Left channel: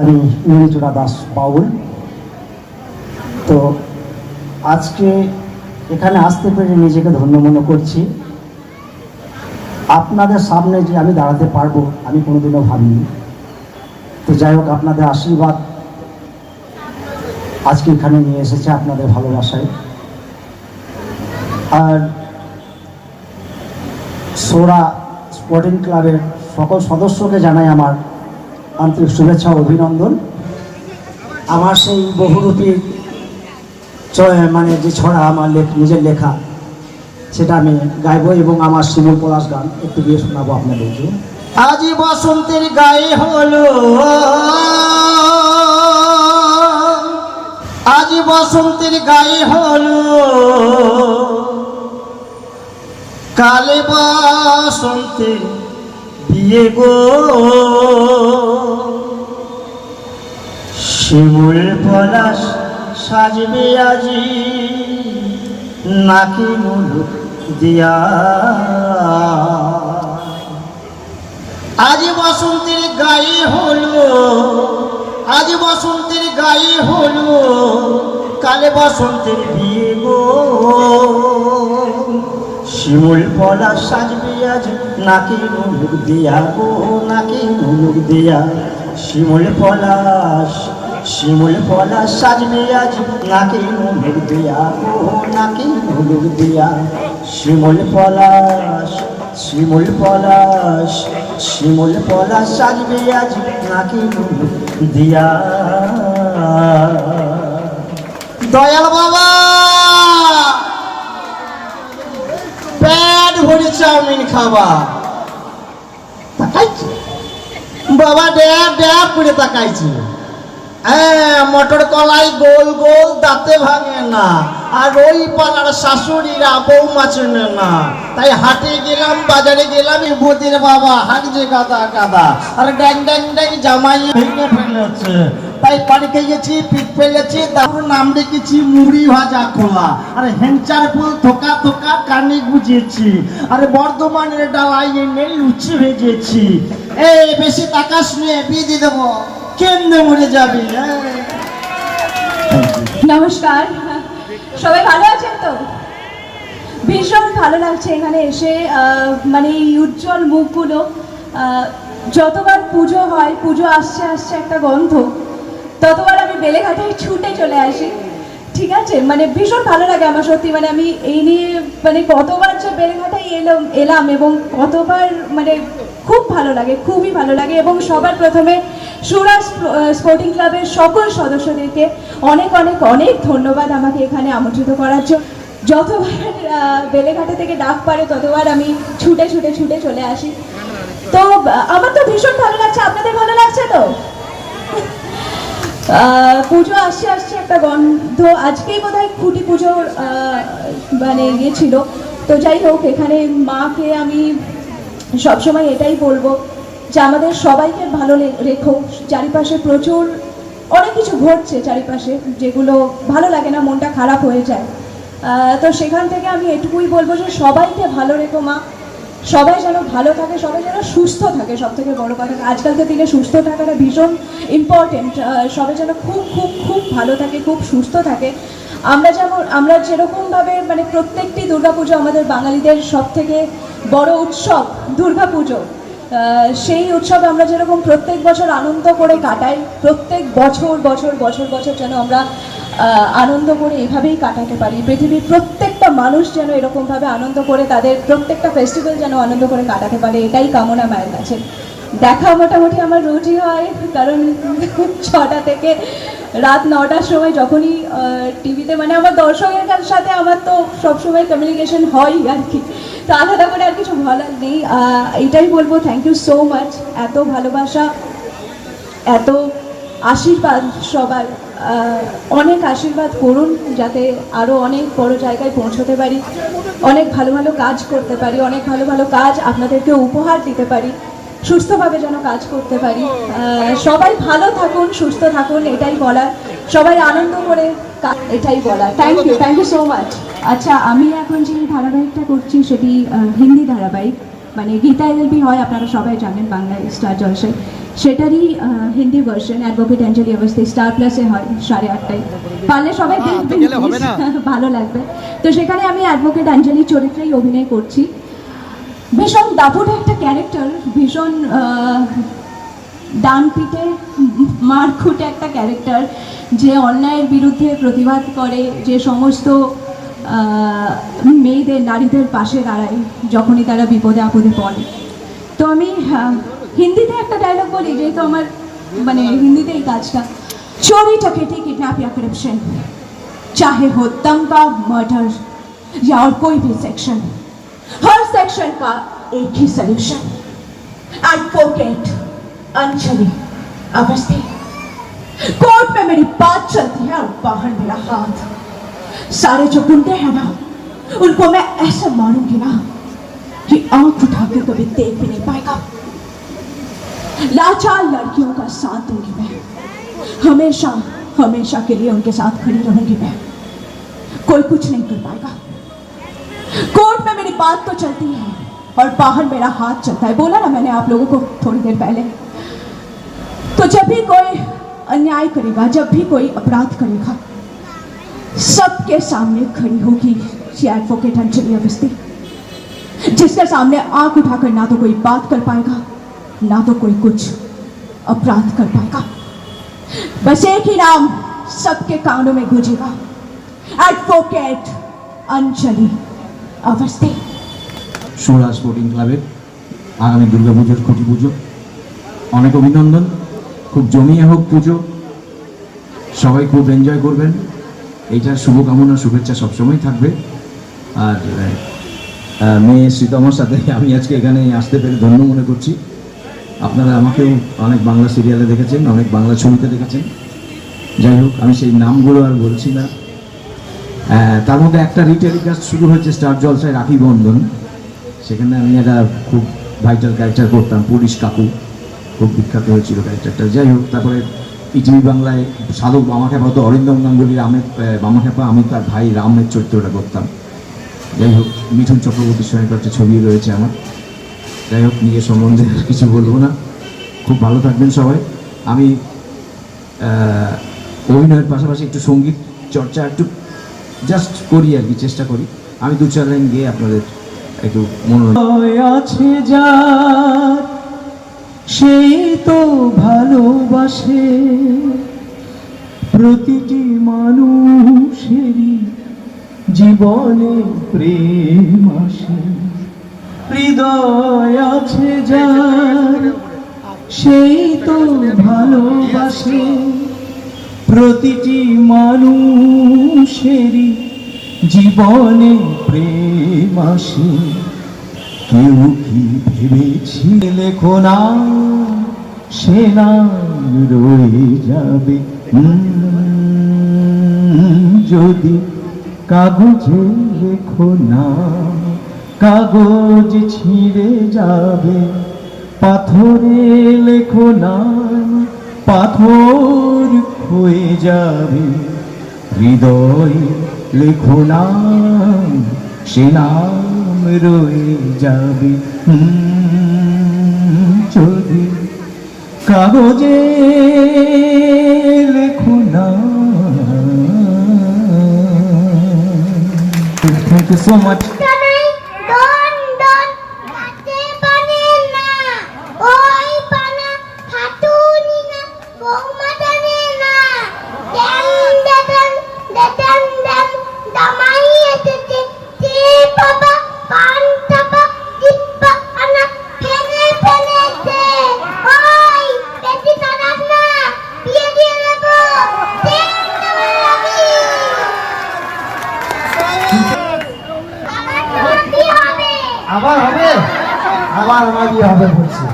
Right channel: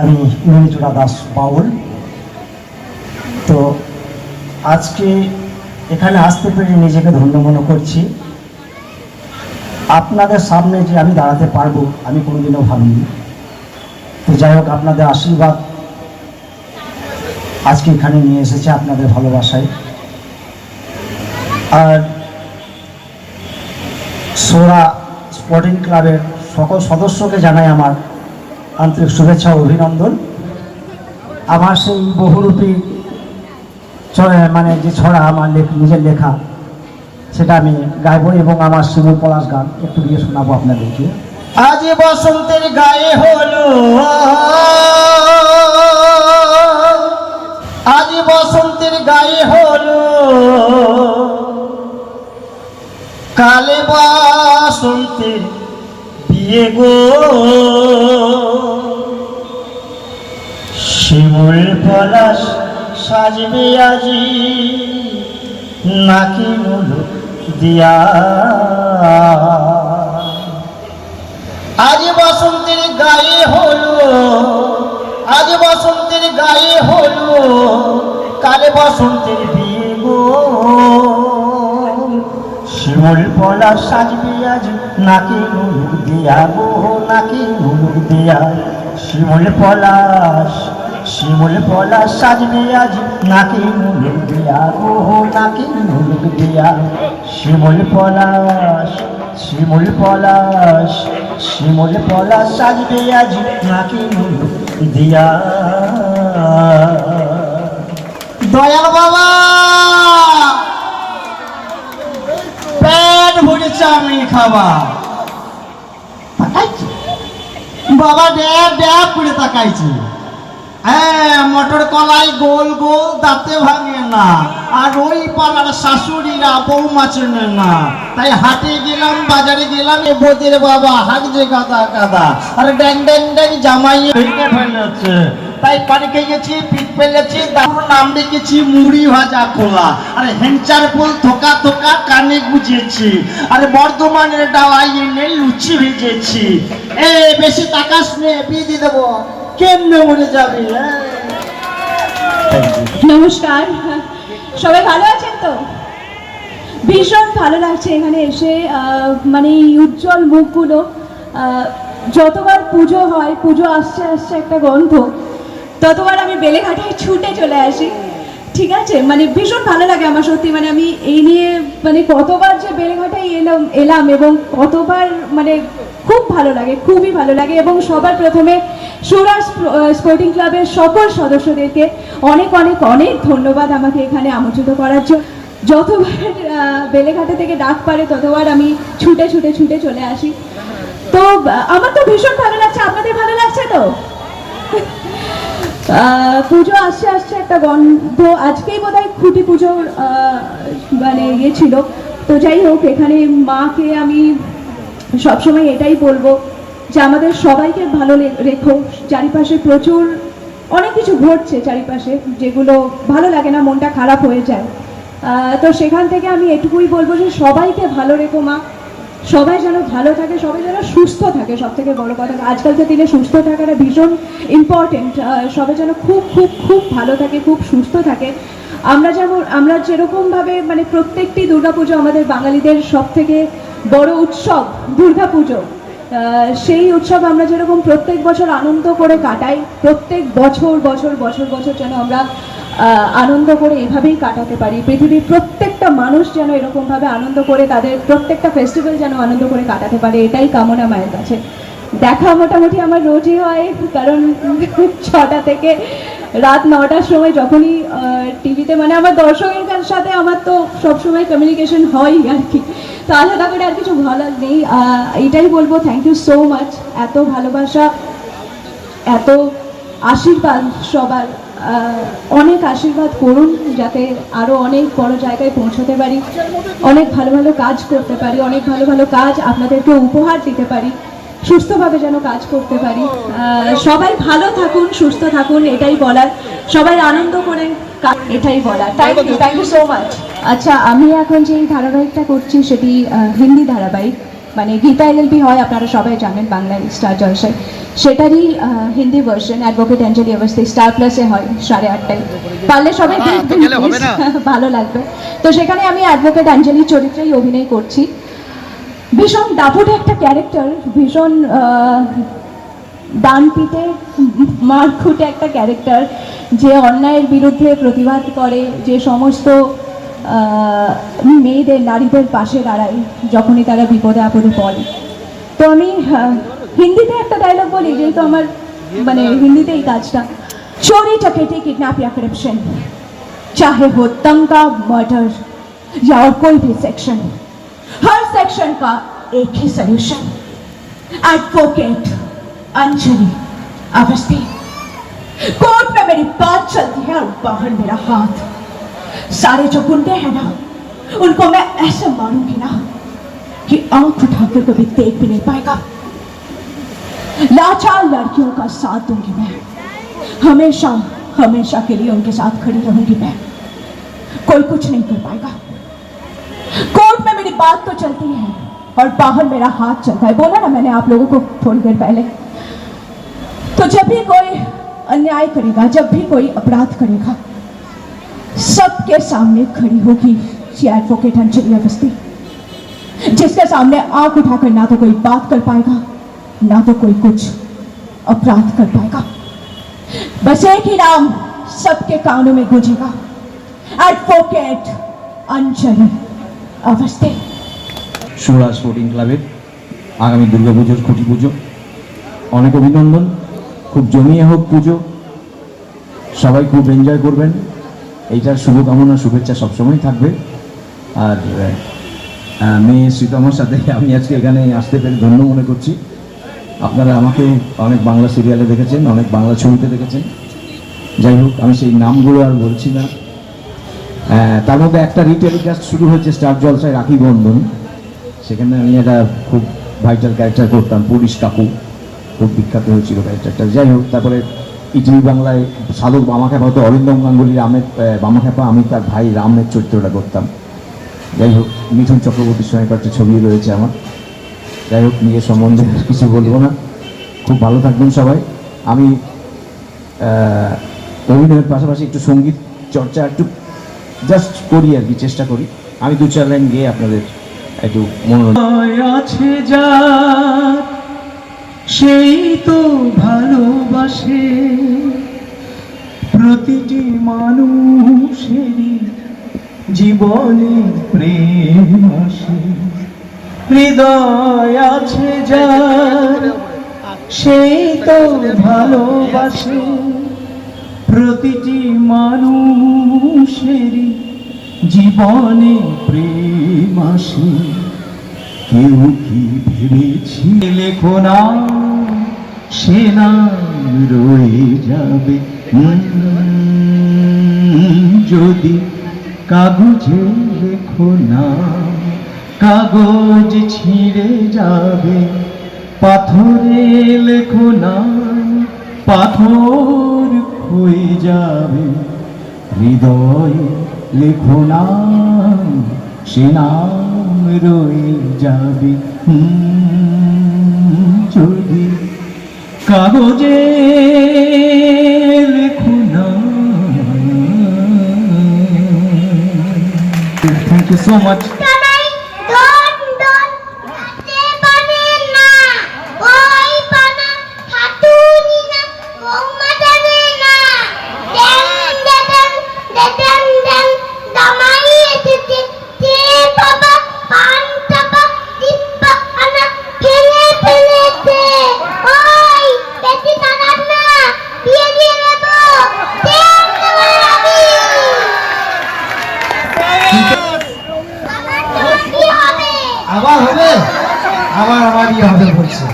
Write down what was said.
আমি ইন্দ্রচূড়া দাস বাউল। তো আজকে এখানে আসতে পেরে নিজেকে ধন্য মনে করছি। আপনাদের সামনে যে আমি দাঁড়াতে পারবো আমি কোনোদিনও ভাবিনি। তো যাই হোক, আপনাদের আশীর্বাদ আজকে এখানে নিয়ে এসেছে, আপনাদের ভালোবাসায়। আর সোরা স্পোর্টিং ক্লাবের সকল সদস্যকে জানাই আমার আন্তরিক শুভেচ্ছা ও অভিনন্দন। আমার সেই বহুরূপী মানে যে ছড়া আমার নিজের লেখা, সেটা আমি গাইবো এবং আমার শিমুল পলাশ গান একটু দিয়ে শোনাবো আপনাদেরকে। আজ বসন্তের গায়ে হলো, আজ বসন্তের গায়ে হলো, কালে বসন্তের বিয়ে গো, শিমুল পলাশ সাজবে আজি নাকি মুলুক দিয়া। আজ বসন্তের গায়ে হলো, আজ বসন্তের গায়ে হলো, কালে বসন্তের বিয়ে গো, শিমুল পলাশ সাজবে আজ নাকি মুলুক দিয়া গো, নাকি মুলুক দিয়া। শিমুল পলাশ, শিমুল পলাশ সাজবে আজ নাকি মুলুক দিয়া গো, নাকি মুলুক দিয়া। শিমুল পলাশ, শিমুল পলাশ, শিমুল পলাশ সাজবে আজ নাকি মুলুক দিয়া। দয়াল বাবা পেট ভরে চাউমিন খাবা, তাকাইছি বাবা, ড্যাব ড্যাব করে তাকাইছি। হ্যাঁ, মটর কলাই গোল গোল দাঁতে ভাঙে না, আর ওই পাড়ার শাশুড়িরা বউ মাছনে না। তাই হাটে গেলাম, বাজারে গেলাম, এ ভূতের বাবা হাট যে গাদা গাদা, আর ড্যাং ড্যাং ড্যাং জামাই ভেঙে ফেলেছে। তাই পানি খেয়েছি, পিঠ ফেলেছি, তারপর নাম রেখেছি মুড়ি ভাজা খোলা, আর হেঞ্চার ফুল থোকা থোকা কানে গুজেছি, আর বর্ধমানের ডালাই এনে লুচি ভেজেছি। এ বেশি তাকাস নে, বিয়ে দিয়ে দেবো, কেমনে মরে যাবি। নমস্কার, সবাই ভালো আছেন তো? ভীষণ ভালো লাগছে এখানে এসে। মানে এই উজ্জ্বল মুখগুলো, যতবার পুজো হয়, পুজো আসছে আসছে একটা গন্ধ, ততবার আমি বেলেঘাটায় ছুটে চলে আসি। ঠিক আছে, মানে ভীষণ ভালো লাগে আমার সত্যি। মানে আমি এই নিয়ে মানে কতবার যে বেলেঘাটায় এলাম এবং কতবার, মানে খুব ভালো লাগে, খুবই ভালো লাগে। এবং সবার প্রথমে সুরা স্পোর্টিং ক্লাবের সকল সদস্যদেরকে অনেক অনেক অনেক ধন্যবাদ আমাকে এখানে আমন্ত্রিত করার জন্য। যতবার বেলেঘাটা থেকে ডাক পারে ততবার আমি ছুটে ছুটে ছুটে চলে আসি। তো আমার তো ভীষণ ভালো লাগছে, আপনাদের ভালো লাগছে তো? পুজো আসছে আসছে একটা গন্ধ। আজকেই বোধহয় খুঁটি পুজো মানে ইয়ে ছিল। তো যাই হোক, এখানে মাকে আমি সবসময় এটাই বলবো যে আমাদের সবাইকে ভালো রেখো। চারিপাশে প্রচুর অনেক কিছু ঘটছে চারিপাশে, যেগুলো ভালো লাগে না, মনটা খারাপ হয়ে যায়। তো সেখান থেকে আমি এটুকুই বলবো যে সবাইকে ভালো রেখো মা, সবাই যেন ভালো থাকে, সবাই যেন সুস্থ থাকে। সব থেকে বড় কথা, আজকালকার দিনে সুস্থ থাকাটা ভীষণ ইম্পর্টেন্ট। সবাই যেন খুব খুব খুব ভালো থাকে, খুব সুস্থ থাকে। আমরা যেরকমভাবে, মানে প্রত্যেকটি দুর্গাপুজো আমাদের বাঙালিদের সব থেকে বড় উৎসব দুর্গাপুজো, সেই উৎসব আমরা যেরকম প্রত্যেক বছর আনন্দ করে কাটাই, প্রত্যেক বছর বছর বছর বছর যেন আমরা আনন্দ করে এইভাবেই কাটাতে পারি। পৃথিবীর প্রত্যেকটা মানুষ যেন এরকমভাবে আনন্দ করে তাদের প্রত্যেকটা ফেস্টিভ্যাল যেন আনন্দ করে কাটাতে পারে, এটাই কামনা মায়ের কাছে। দেখা মোটামুটি আমার রোজই হয়, কারণ 6টা থেকে রাত 9টার সময় যখনই টিভিতে, মানে আমার দর্শকের সাথে আমার তো সবসময় কমিউনিকেশন হয় আর কি। তো আলাদা করে আর কিছু বলার নেই, এটাই বলবো থ্যাংক ইউ সো মাচ। এত ভালোবাসা, এত আশীর্বাদ সবার, অনেক আশীর্বাদ করুন যাতে আরও অনেক বড় জায়গায় পৌঁছতে পারি, অনেক ভালো ভালো কাজ করতে পারি, অনেক ভালো ভালো কাজ আপনাদেরকে উপহার দিতে পারি, সুস্থভাবে যেন কাজ করতে পারি। সবাই ভালো থাকুন, সুস্থ থাকুন, এটাই বলার। সবাই আনন্দ করে, এটাই বলার। Thank you so much. আচ্ছা, আমি এখন যে ধারাবাহিকটা করছি সেটি হিন্দি ধারাবাহিক। মানে গীতা এলএলবি হয় আপনারা সবাই জানেন বাংলায় স্টার জলসায়, সেটারই হিন্দি ভার্সন অ্যাডভোকেট অঞ্জলি অবস্থি স্টার প্লাসে হয় 8:30টায়। পারলে সবাই দেখবেন, please, ভালো লাগবে। তো সেখানে আমি অ্যাডভোকেট অঞ্জলির চরিত্রেই অভিনয় করছি। ভীষণ দাপুটে একটা ক্যারেক্টার, ভীষণ ডান পিঠে মারকুটে একটা ক্যারেক্টার, যে অন্যায়ের বিরুদ্ধে প্রতিবাদ করে, যে সমস্ত মেয়েদের নারীদের পাশে দাঁড়ায় যখনই তারা বিপদে আপদে পড়ে। তো আমি হিন্দিতে একটা ডায়লগ বলি, যেহেতু আমার মানে হিন্দিতে এই কাজটা, चोरी डकैती किडनैप या करप्शन, चाहे हो दंगा मर्डर या और कोई भी सेक्शन, हर सेक्शन का एक ही solution, advocate Anjali Awasthi. Court में मेरी बात चलती है और बाहर मेरा हाथ। सारे जो गुंडे हैं ना, उनको मैं ऐसे मारूंगी ना कि आंख उठाकर कभी देख भी नहीं पाएगा। लाचार लड़कियों का साथ दूंगी मैं, हमेशा हमेशा के लिए उनके साथ खड़ी रहूंगी मैं, कोई कुछ नहीं कर पाएगा। कोर्ट में मेरी बात तो चलती है और बाहर मेरा हाथ चलता है, बोला ना मैंने आप लोगों को थोड़ी देर पहले। तो जब भी कोई अन्याय करेगा, जब भी कोई अपराध करेगा, सबके सामने खड़ी होगी ये एडवोकेट अंजलि अवस्थी, जिसके सामने आंख उठाकर ना तो कोई बात कर पाएगा, ना तो कोई कुछ अपराध कर पाएगा। बस एक ही नाम सबके कानों में गूंजेगा, एडवोकेट अंजलि अवस्थी। সুরা স্পোর্টিং ক্লাবের আগামী দুর্গাপুজোর খুঁটি পুজো, অনেক অভিনন্দন। খুব জমিয়ে হোক পুজো, সবাই খুব এনজয় করবেন, এইটার শুভকামনা শুভেচ্ছা সবসময় থাকবে। আর মেয়ে শ্রীতমার সাথে আমি আজকে এখানে আসতে পেরে ধন্য মনে করছি। আপনারা আমাকে অনেক বাংলা সিরিয়ালে দেখেছেন, অনেক বাংলা ছবিতে দেখেছেন, যাই হোক আমি সেই নামগুলো আর বলছি না। তার মধ্যে একটা রিটেলিকাস্ট শুরু হয়েছে স্টার জলসায়, রাখি বন্ধন, সেখানে আমি একটা খুব ভাইটাল ক্যারেক্টার করতাম, পুলিশ কাকু, খুব বিখ্যাত হয়েছিল ক্যারেক্টারটা। যাই হোক, তারপরে ইটিভি বাংলায় সাধক বামাখ্যাপা হতো, অরিন্দম গাঙ্গুলির বামাখ্যাপা, আমি তার ভাই রামের চরিত্রটা করতাম। যাই হোক, মিঠুন চক্রবর্তীর সঙ্গে একটা ছবি রয়েছে আমার। যাই হোক, নিজের সম্বন্ধে কিছু বলবো না, খুব ভালো থাকবেন সবাই। আমি অভিনয়ের পাশাপাশি একটু সঙ্গীত চর্চা একটু জাস্ট করি আর কি, চেষ্টা করি। আমি 2-4 লাইন গিয়ে আপনাদের একটু আছে যা, সেই তো ভালোবাসে প্রতিটি মানুষেরই জীবনে প্রেম আসে। হৃদয় আছে যার, সেই তো ভালোবাসে প্রতিটি মানুষেরই জীবনে প্রেম আসে। কেউ কি ভেবেছি লেখো না, সে নাম রয়ে যাবে যদি কাগজে লেখো না, কাগজ ছিঁড়ে যাবে। পাথরে লেখো না, পাথর হয়ে যাবে। হৃদয়ে লেখো না, সে নাম রয়ে যাবে যদি কাগজে লেখো না। Thank you so much. আবার হবে, আবার আমারই হবে বলছে।